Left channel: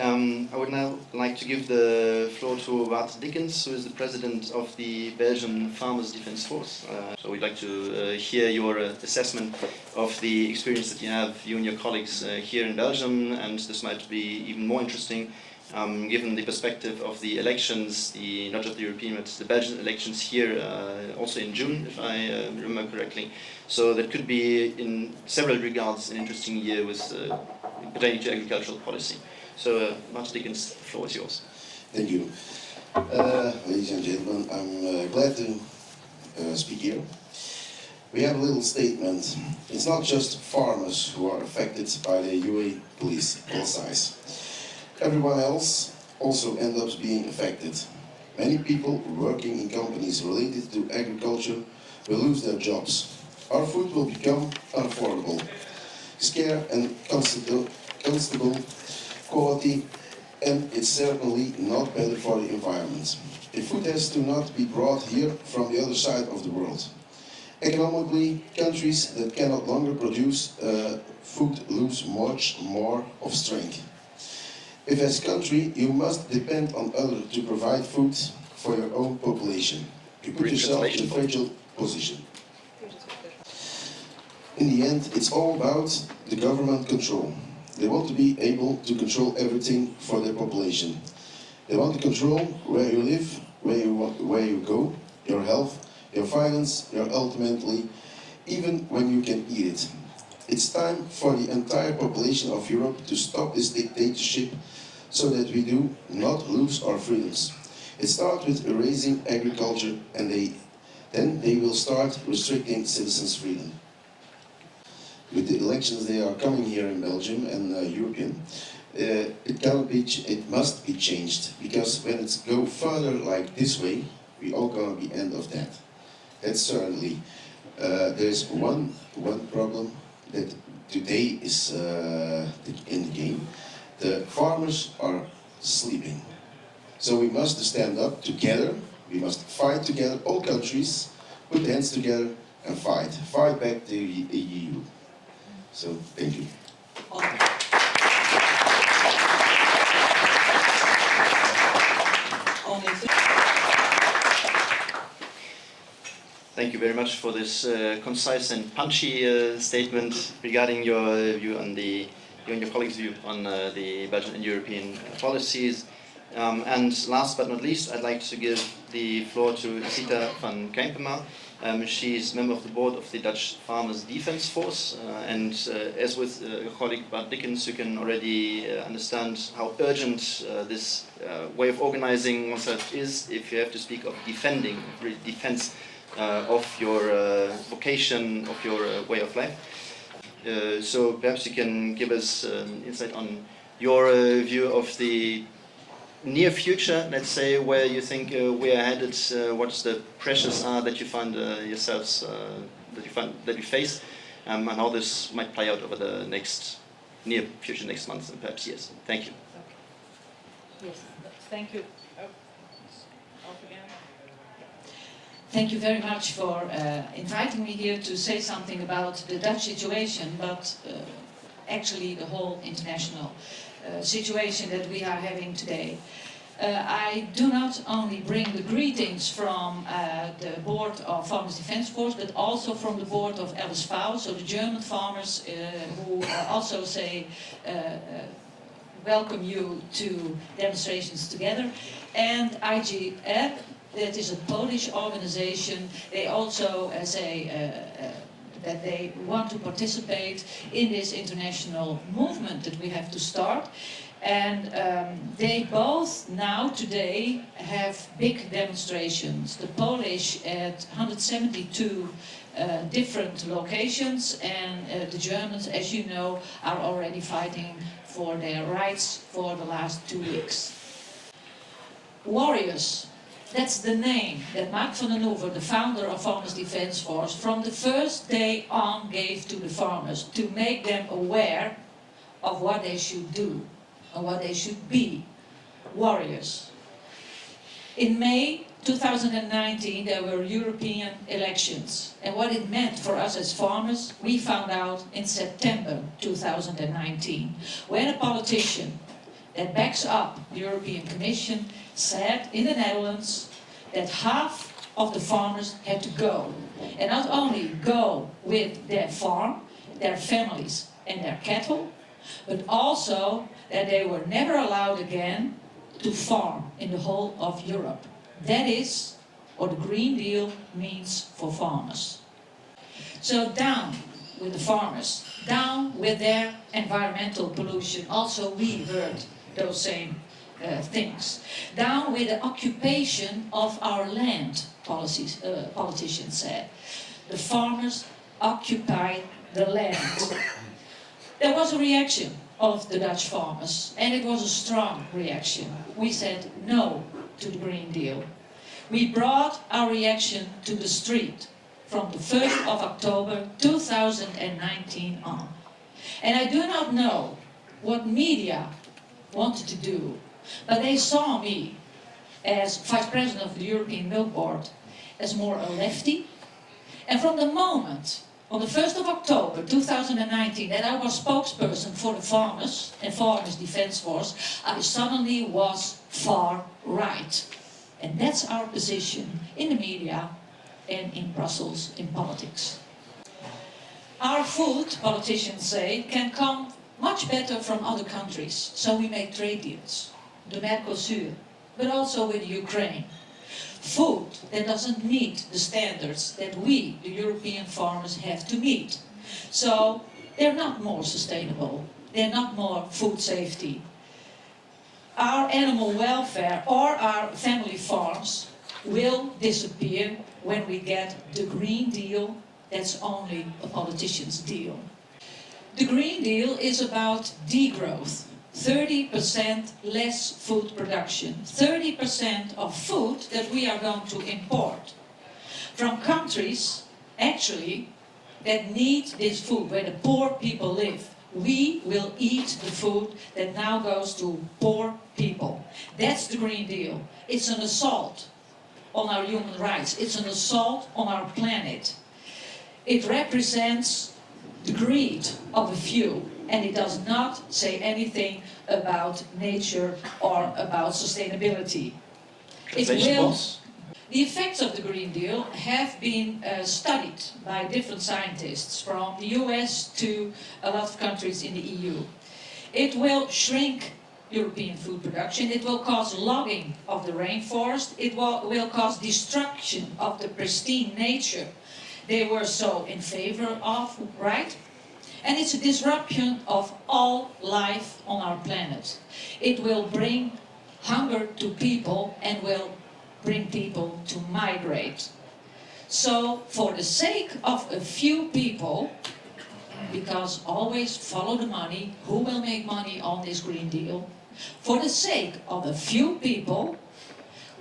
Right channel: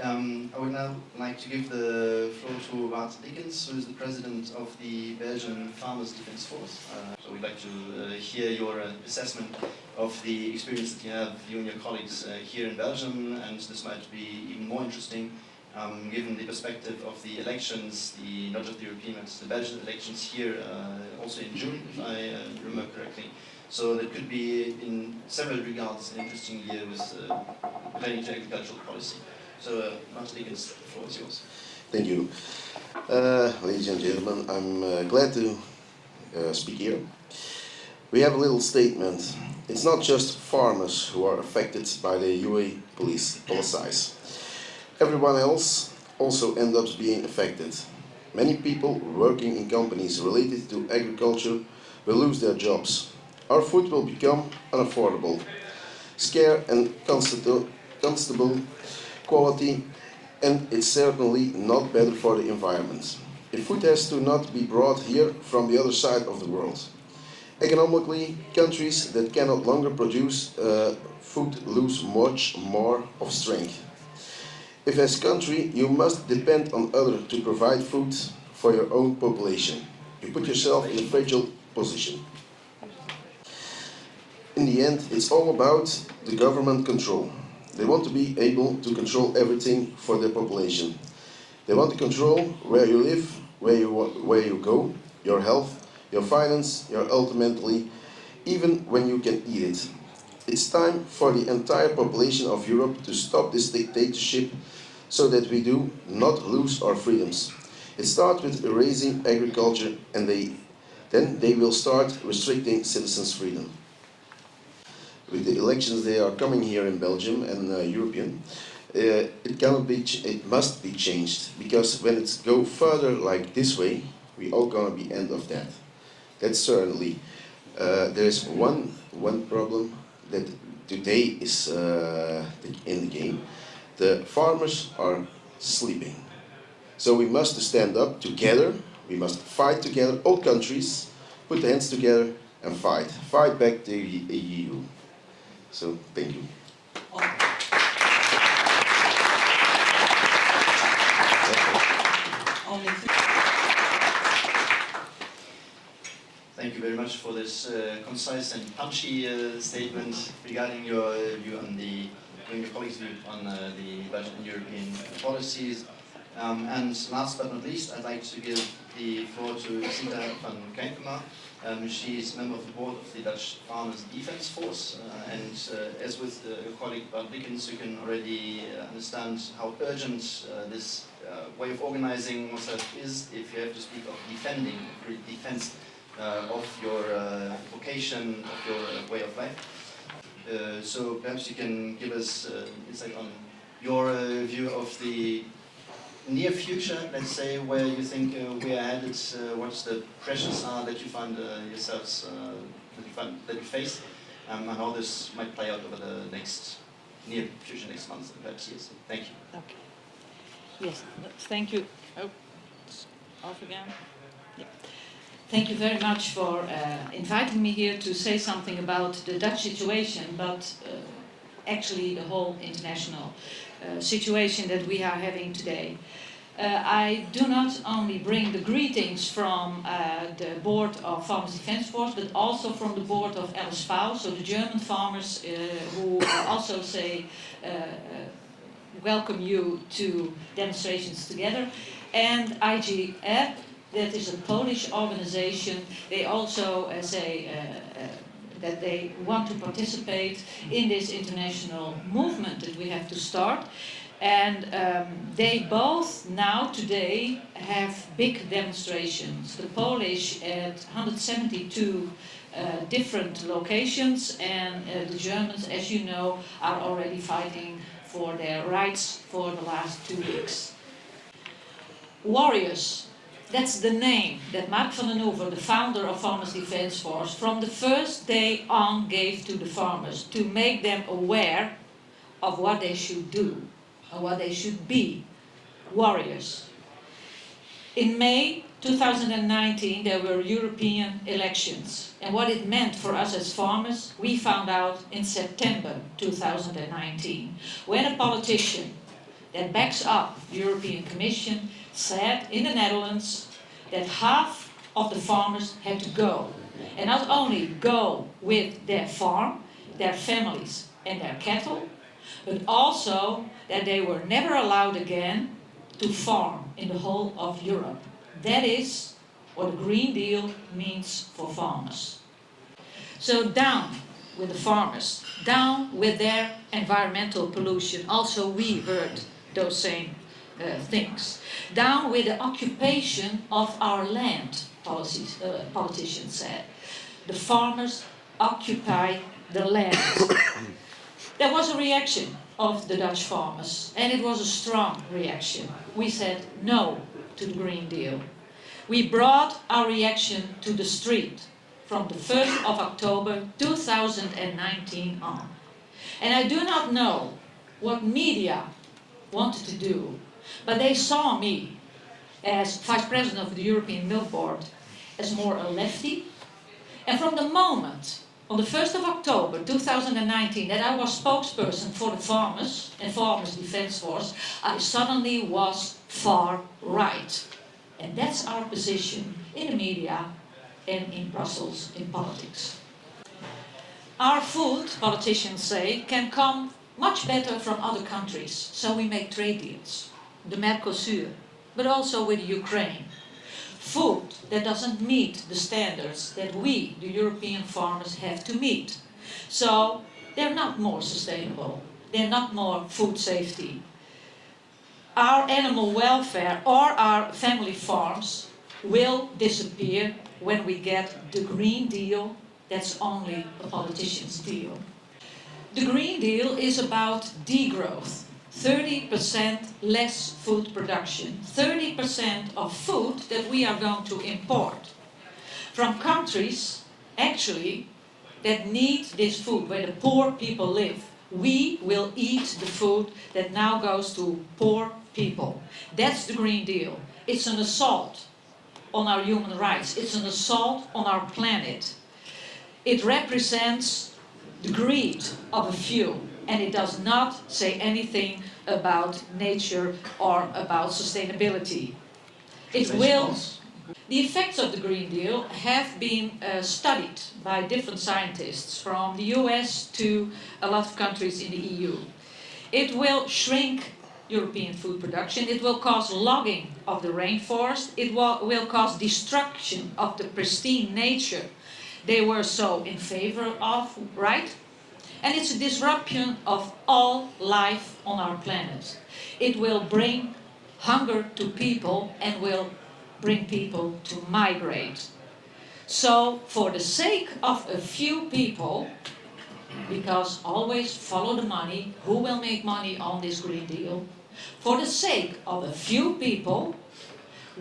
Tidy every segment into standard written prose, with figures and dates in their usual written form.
I would now like to give the floor to Bart Dickens, who is the president of the Belgian Farmers Defence Force. So we'd like to hear your assessment of the experience that you have, you and your colleagues here in Belgium, and this might be even more interesting given the perspective of the elections, not just the European, but the Belgian elections here also in June, if I remember correctly. So that could be, in several regards, an interesting year with pertaining to agricultural policy. So, Bart Dickens, the floor is yours. Thank you. Ladies and gentlemen, I'm glad to speak here. We have a little statement. It's not just farmers who are affected by the UA policies. Everyone else also ends up being affected. Many people working in companies related to agriculture will lose their jobs. Our food will become unaffordable, scarce and constable quality, and it's certainly not better for the environment. The food has to not be brought here from the other side of the world. Economically, countries that cannot longer produce food lose much more of strength. If as a country you must depend on others to provide food for your own population, you put yourself in a fragile position. In the end, it's all about the government control. They want to be able to control everything for their population. They want to control where you live, where you go, your health, your finance, your ultimately, even when you can eat it. It's time for the entire population of Europe to stop this dictatorship so that we do not lose our freedoms. It starts with erasing agriculture, and then they will start restricting citizens' freedom. With the elections they are coming here in Belgium and European, it must be changed, because when it go further like this way, we all gonna be end of that. That's certainly. There's one problem that today is in the game. The farmers are sleeping. So we must stand up together, we must fight together, all countries, put the hands together and fight. Fight back the EU. So, thank you. Thank you very much for this concise and punchy statement regarding your view on you and your colleagues' view on the Belgian and European policies. And last but not least, I'd like to give the floor to Sieta van Keimpema. She's member of the board of the Dutch Farmers Defence Force, and as with your colleague Bart Dickens, you can already understand how urgent this way of organizing oneself is if you have to speak of defending, defense of your vocation, of your way of life. So perhaps you can give us insight on your view of the near future, let's say, where you think we are headed, what the pressures are that you find yourselves, that you face, and how this might play out over the near future, next months and perhaps years. Thank you. Okay. Yes, thank you. Oh, off again. Yeah. Thank you very much for inviting me here to say something about the Dutch situation, but actually the whole international situation that we are having today. I do not only bring the greetings from the board of Farmers Defence Force, but also from the board of LSV, so the German farmers who also say welcome you to demonstrations together, and IGF, that is a Polish organization. They also say that they want to participate in this international movement that we have to start. And they both now today have big demonstrations. The Polish at 172 different locations, and the Germans, as you know, are already fighting for their rights for the last 2 weeks. Warriors. That's the name that Mark van den Hoeven, the founder of Farmers Defence Force, from the first day on gave to the farmers to make them aware of what they should do and what they should be. Warriors. In May 2019 there were European elections, and what it meant for us as farmers we found out in September 2019, when a politician that backs up the European Commission said in the Netherlands that half of the farmers had to go. And not only go with their farm, their families and their cattle, but also that they were never allowed again to farm in the whole of Europe. That is what the Green Deal means for farmers. So down with the farmers, down with their environmental pollution. Also we heard those same things. Down with the occupation of our land, politicians said. The farmers occupy the land. There was a reaction of the Dutch farmers, and it was a strong reaction. We said no to the Green Deal. We brought our reaction to the street from the 1st of October 2019 on. And I do not know what media wanted to do, but they saw me as Vice President of the European Milk Board as more a lefty. And from the moment, on the 1st of October 2019, that I was spokesperson for the farmers and Farmers Defence Force, I suddenly was far right. And that's our position in the media and in Brussels in politics. Our food, politicians say, can come much better from other countries, so we make trade deals. The Mercosur, but also with Ukraine. Food that doesn't meet the standards that we, the European farmers, have to meet. So they're not more sustainable, they're not more food safety. Our animal welfare or our family farms will disappear when we get the Green Deal. That's only a politician's deal. The Green Deal is about degrowth. 30% less food production, 30% of food that we are going to import from countries, actually, that need this food, where the poor people live. We will eat the food that now goes to poor people. That's the Green Deal. It's an assault on our human rights. It's an assault on our planet. It represents the greed of a few. And it does not say anything about nature or about sustainability. It will. The effects of the Green Deal have been studied by different scientists from the US to a lot of countries in the EU. It will shrink European food production. It will cause logging of the rainforest. It will cause destruction of the pristine nature they were so in favor of, right? And it's a disruption of all life on our planet. It will bring hunger to people and will bring people to migrate. So for the sake of a few people, because always follow the money, who will make money on this Green Deal? For the sake of a few people,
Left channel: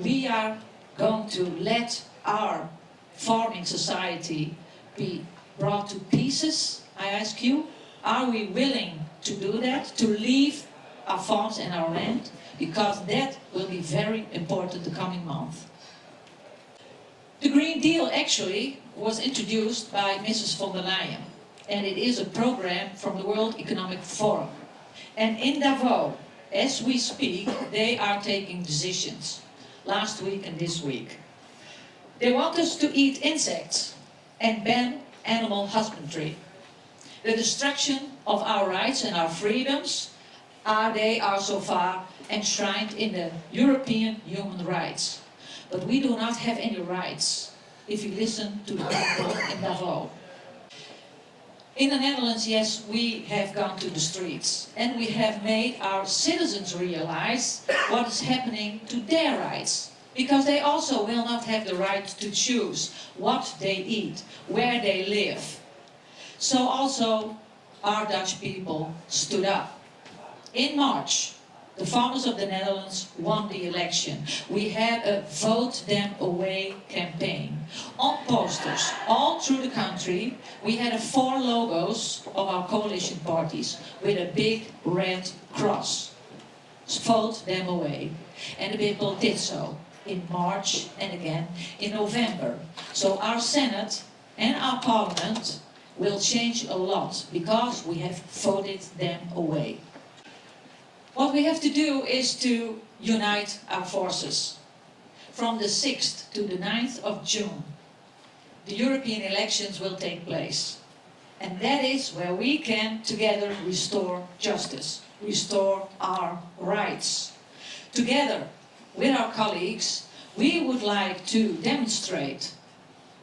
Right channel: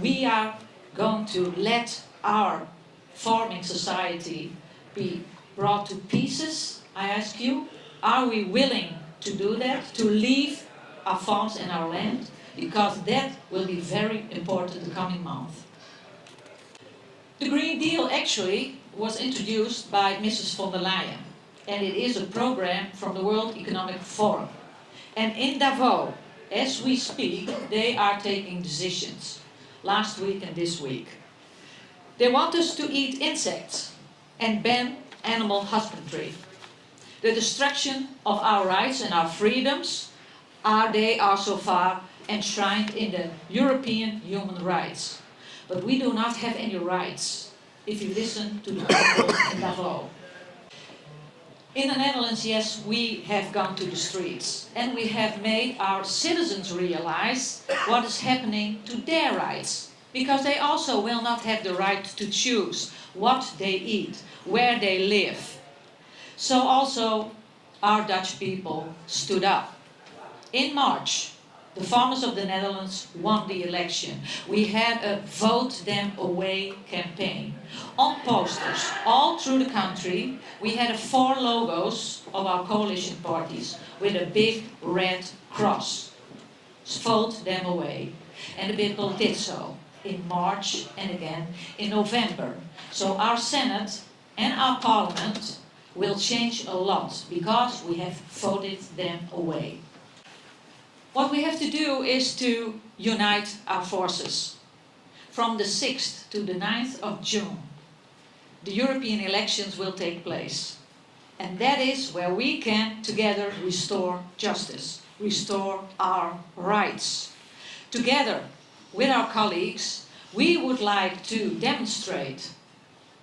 we are going to let our farming society be brought to pieces. I ask you, are we willing to do that, to leave our farms and our land? Because that will be very important the coming month. The Green Deal actually was introduced by Mrs. von der Leyen, and it is a program from the World Economic Forum. And in Davos, as we speak, they are taking decisions, last week and this week. They want us to eat insects and ban animal husbandry. The destruction of our rights and our freedoms they are so far enshrined in the European human rights. But we do not have any rights if you listen to the people in Davos. In the Netherlands, yes, we have gone to the streets and we have made our citizens realize what is happening to their rights. Because they also will not have the right to choose what they eat, where they live. So also our Dutch people stood up. In March, the farmers of the Netherlands won the election. We had a Vote Them Away campaign. On posters all through the country, we had 4 logos of our coalition parties with a big red cross. Vote them away. And the people did so in March and again in November. So our Senate and our Parliament will change a lot because we have voted them away. What we have to do is to unite our forces. From the 6th to the 9th of June, the European elections will take place. And that is where we can together restore justice, restore our rights. Together with our colleagues, we would like to demonstrate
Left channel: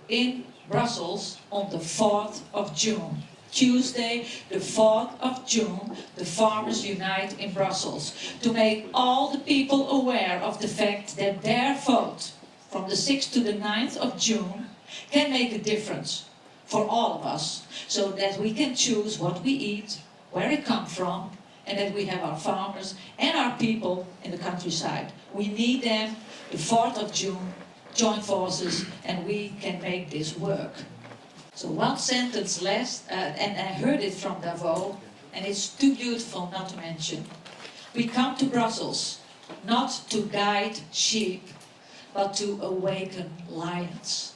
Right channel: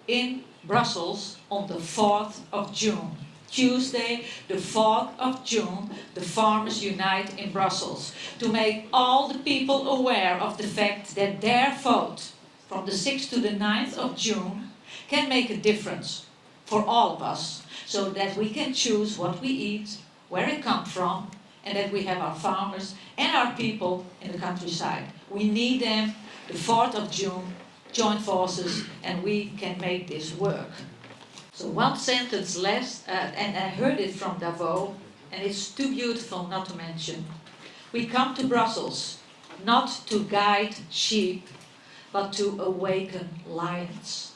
in Brussels on the 4th of June. Tuesday, the 4th of June, the farmers unite in Brussels to make all the people aware of the fact that their vote from the 6th to the 9th of June can make a difference for all of us, so that we can choose what we eat, where it comes from, and that we have our farmers and our people in the countryside. We need them. The 4th of June, join forces, and we can make this work. So one sentence less, and I heard it from Davos, and it's too beautiful not to mention. We come to Brussels not to guide sheep, but to awaken lions.